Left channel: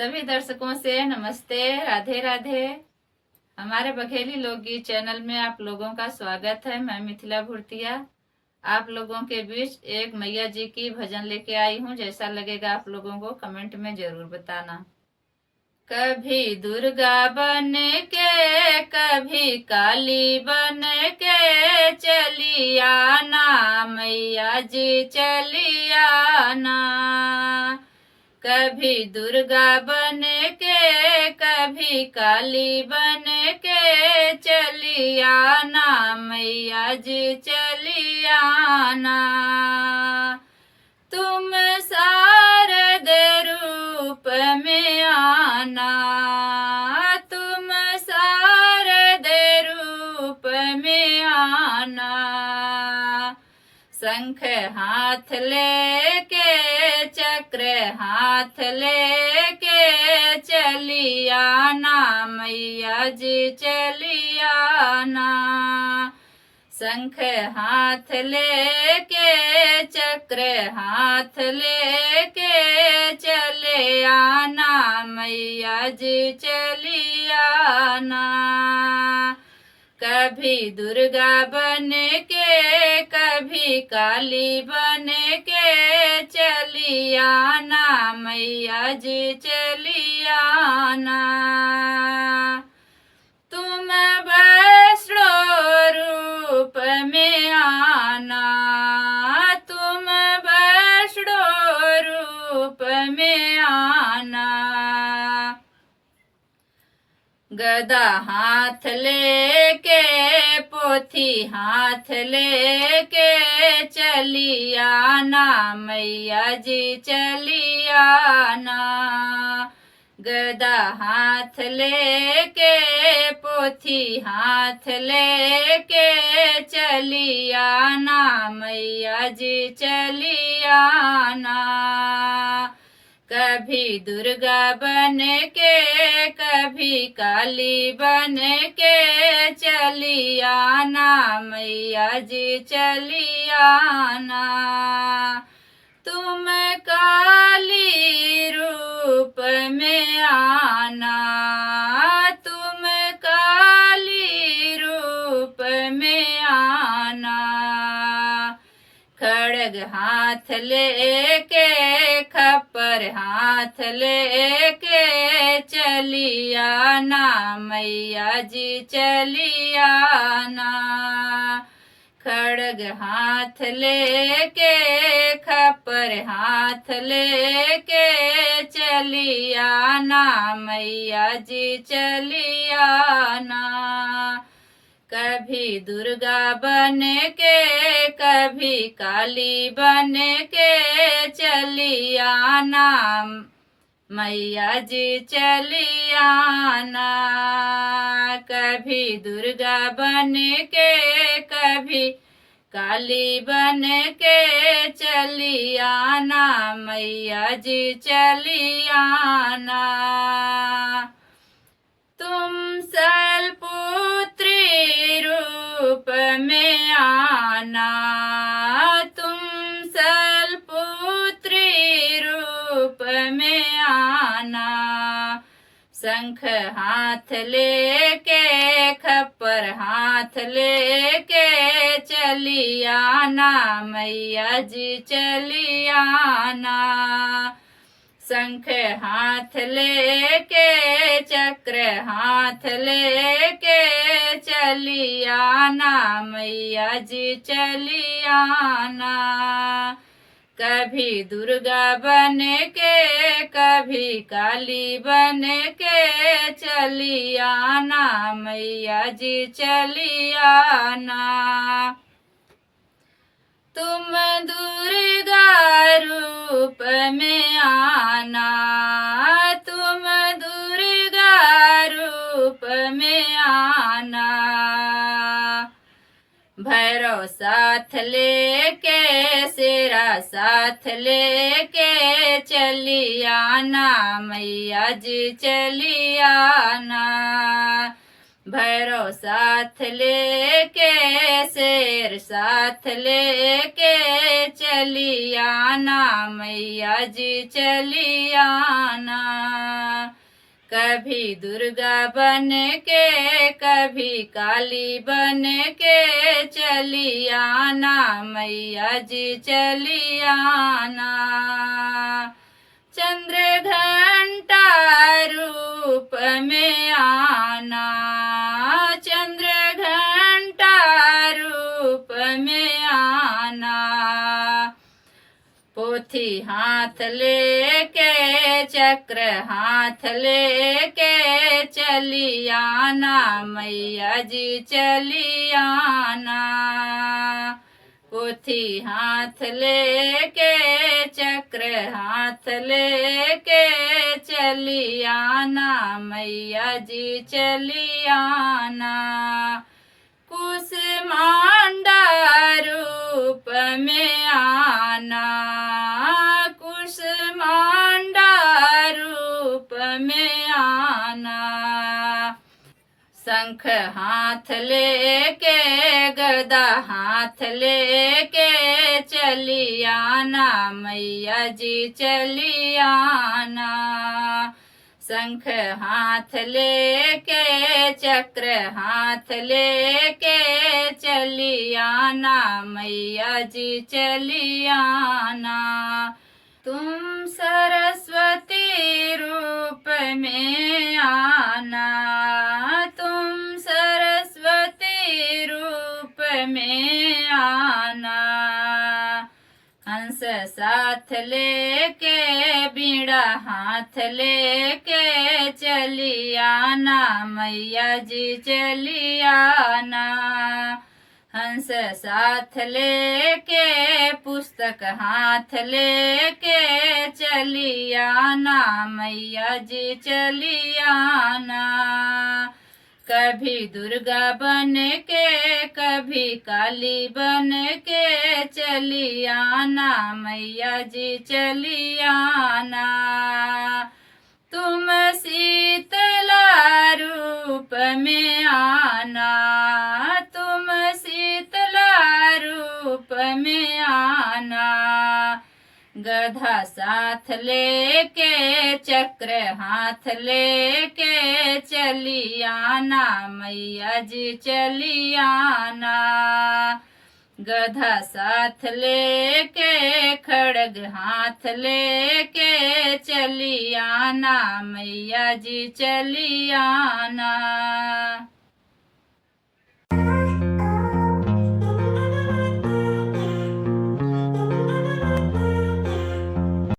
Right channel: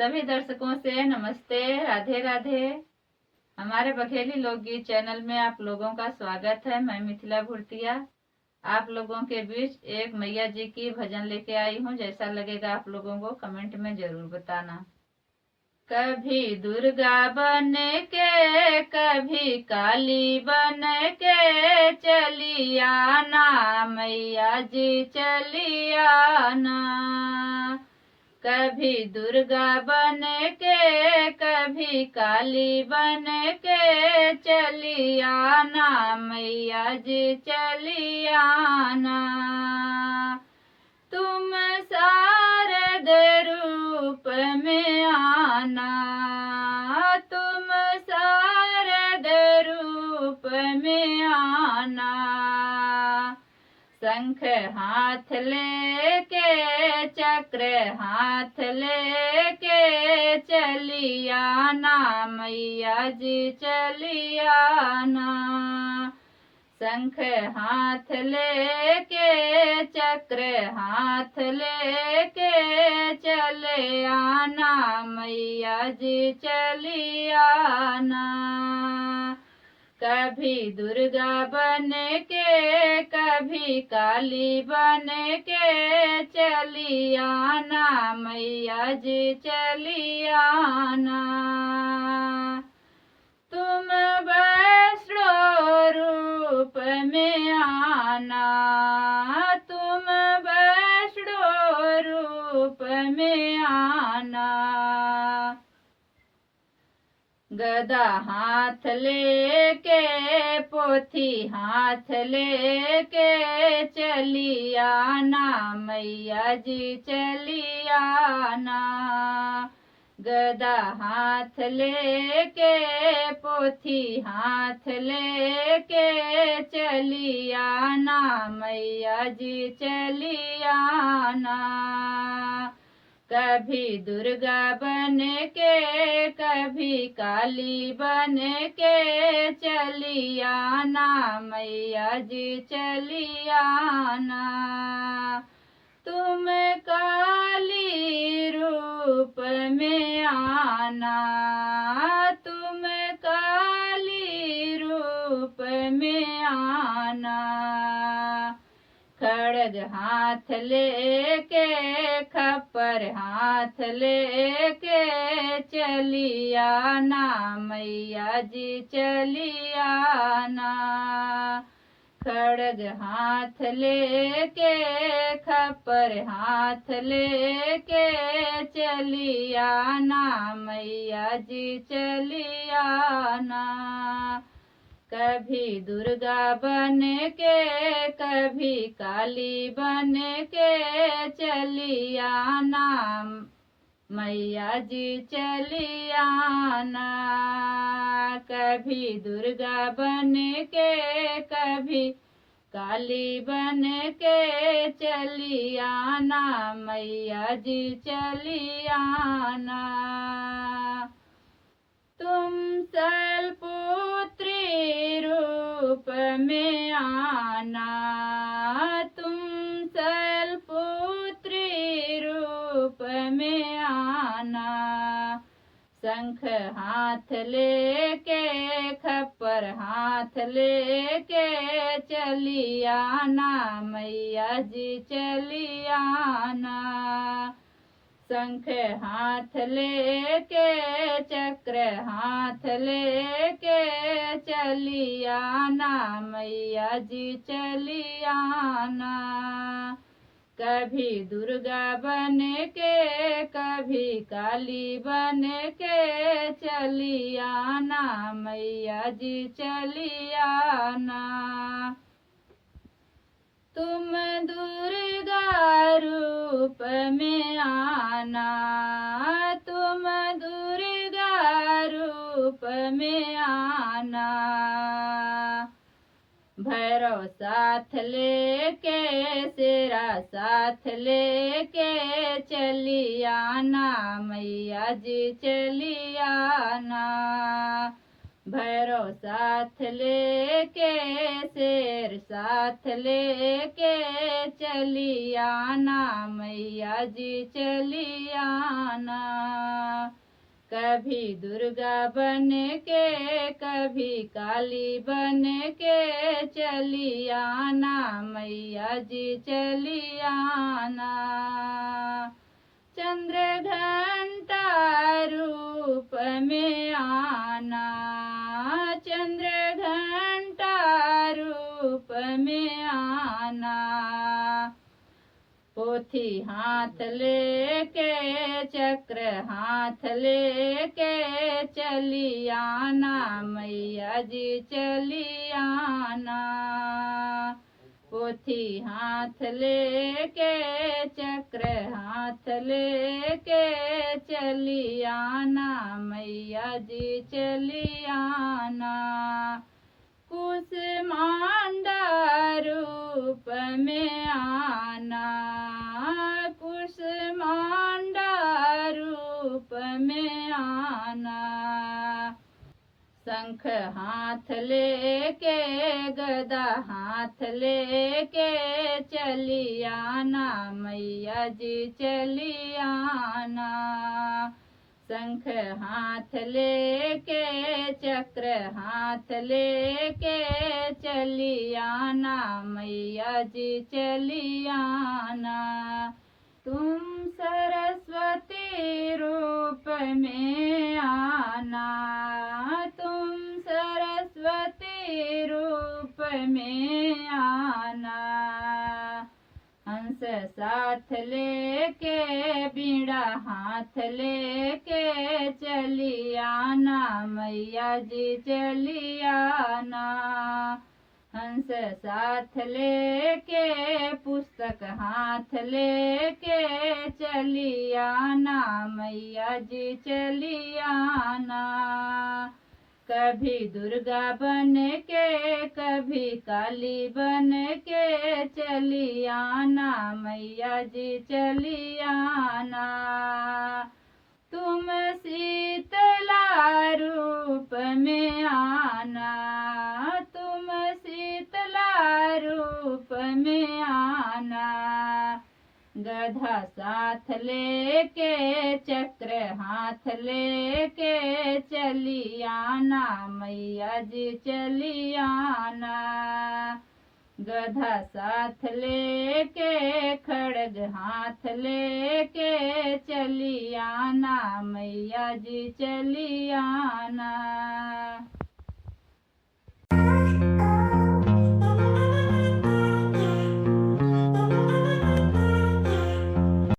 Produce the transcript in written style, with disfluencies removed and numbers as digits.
सभी दर्शकों से नमस्ते, राधे राधे। हमारे बघेली लोकगीत चैनल में आप लोगों का स्वागत है। मैं मिथिला भूर्तिया आप लोगों के बीच एक मैया जी की भजन लेके आई हूँ। जैसा लगेगा आप लोगों को कमेंट में जरूर बताना। कभी दुर्गा बन के कभी काली बन के चली आना मैया जी, चली आना। कभी दुर्गा बन के कभी काली बन के चली आना मैया जी, चली आना। तुम शारद रूप में आना, तुम शारद रूप में आना। शंख हाथ लेके चक्र हाथ लेके चली आना मैया जी, चली आना। शंख हाथ लेके चक्र हाथ लेके चले आना मैया जी, चली आना। कभी दुर्गा बन के कभी काली बन के चली आना मैया जी, चली आना। तुम वैष्णो रूप में आना, तुम वैष्णो रूप में आना। गदा हाथ लेके पोथी हाथ लेके चली आना मैया जी, चली आना। गदा हाथ लेके पोथी हाथ लेके चली आना मैया जी, चली आना। कभी दुर्गा बन के कभी काली बन के चली आना मैया जी, चली आना। तुम काली रूप में आना, तुम काली रूप में आना। खड़ग हाथ लेके खप्पर हाथ लेके चली आना मैया जी, चली आना। खड़ग हाथ लेके खप्पर हाथ लेके चली आना मैया जी, चली आना। कभी दुर्गा बन के कभी काली बन के चली आना मैया जी, चली आना। कभी दुर्गा बन के कभी काली बन के चली आना मैया जी, चली आना। तुम शैलपुत्री रूप में आना, तुम शैलपुत्री रूप में आना। शंख हाथ लेके खप्पर हाथ लेके चली आना मैया जी, चली आना। शंख हाथ लेके चक्र हाथ लेके चली आना मैया जी, चली आना। कभी दुर्गा बन के कभी काली बन के चली आना मैया जी, चली आना। तुम दुर्गा रूप में आना, तुम दुर्गा रूप में आना। भैरव साथ लेके शेरा साथ लेके चली आना मैया जी, चली आना। भैरव साथ लेके शेर साथ लेके चली आना मैया जी चली आना। कभी दुर्गा बन के कभी काली बन के चली आना मैया जी चली आना। चंद्र घंटा रूप में आना चंद्र घंटा रूप में आना। पोथी हाथ लेके चक्र हाथ लेके चली आना मैया जी चली आना। पोथी हाथ लेके चक्र हाथ लेके चली आना मैया जी चली आना। कुसमांडा रूप में आना कुसमांडा रूप में आना। शंख हाथ लेके गदा हाथ लेके चली आना मैया जी चली आना। शंख हाथ लेके चक्र हाथ लेके चली आना मैया जी चली आना। तुम सरस्वती रूप में आना तुम सरस्वती रूप में आना। हंस साथ लेके बीड़ा हाथ लेके चली आना मैया जी चली आना। हंस साथ लेके पुस्तक हाथ लेके चली आना मैया जी चली आना। कभी दुर्गा बन के कभी काली बन के चली आना मैया जी चली आना। तुम शीतला रूप में आना तुम शीतला रूप में आना। गधा साथ लेके चक्र हाथ लेके चली आना मैया जी चली आना। गधा साथ लेके खड़ग हाथ लेके चली आना मैया जी चली आना।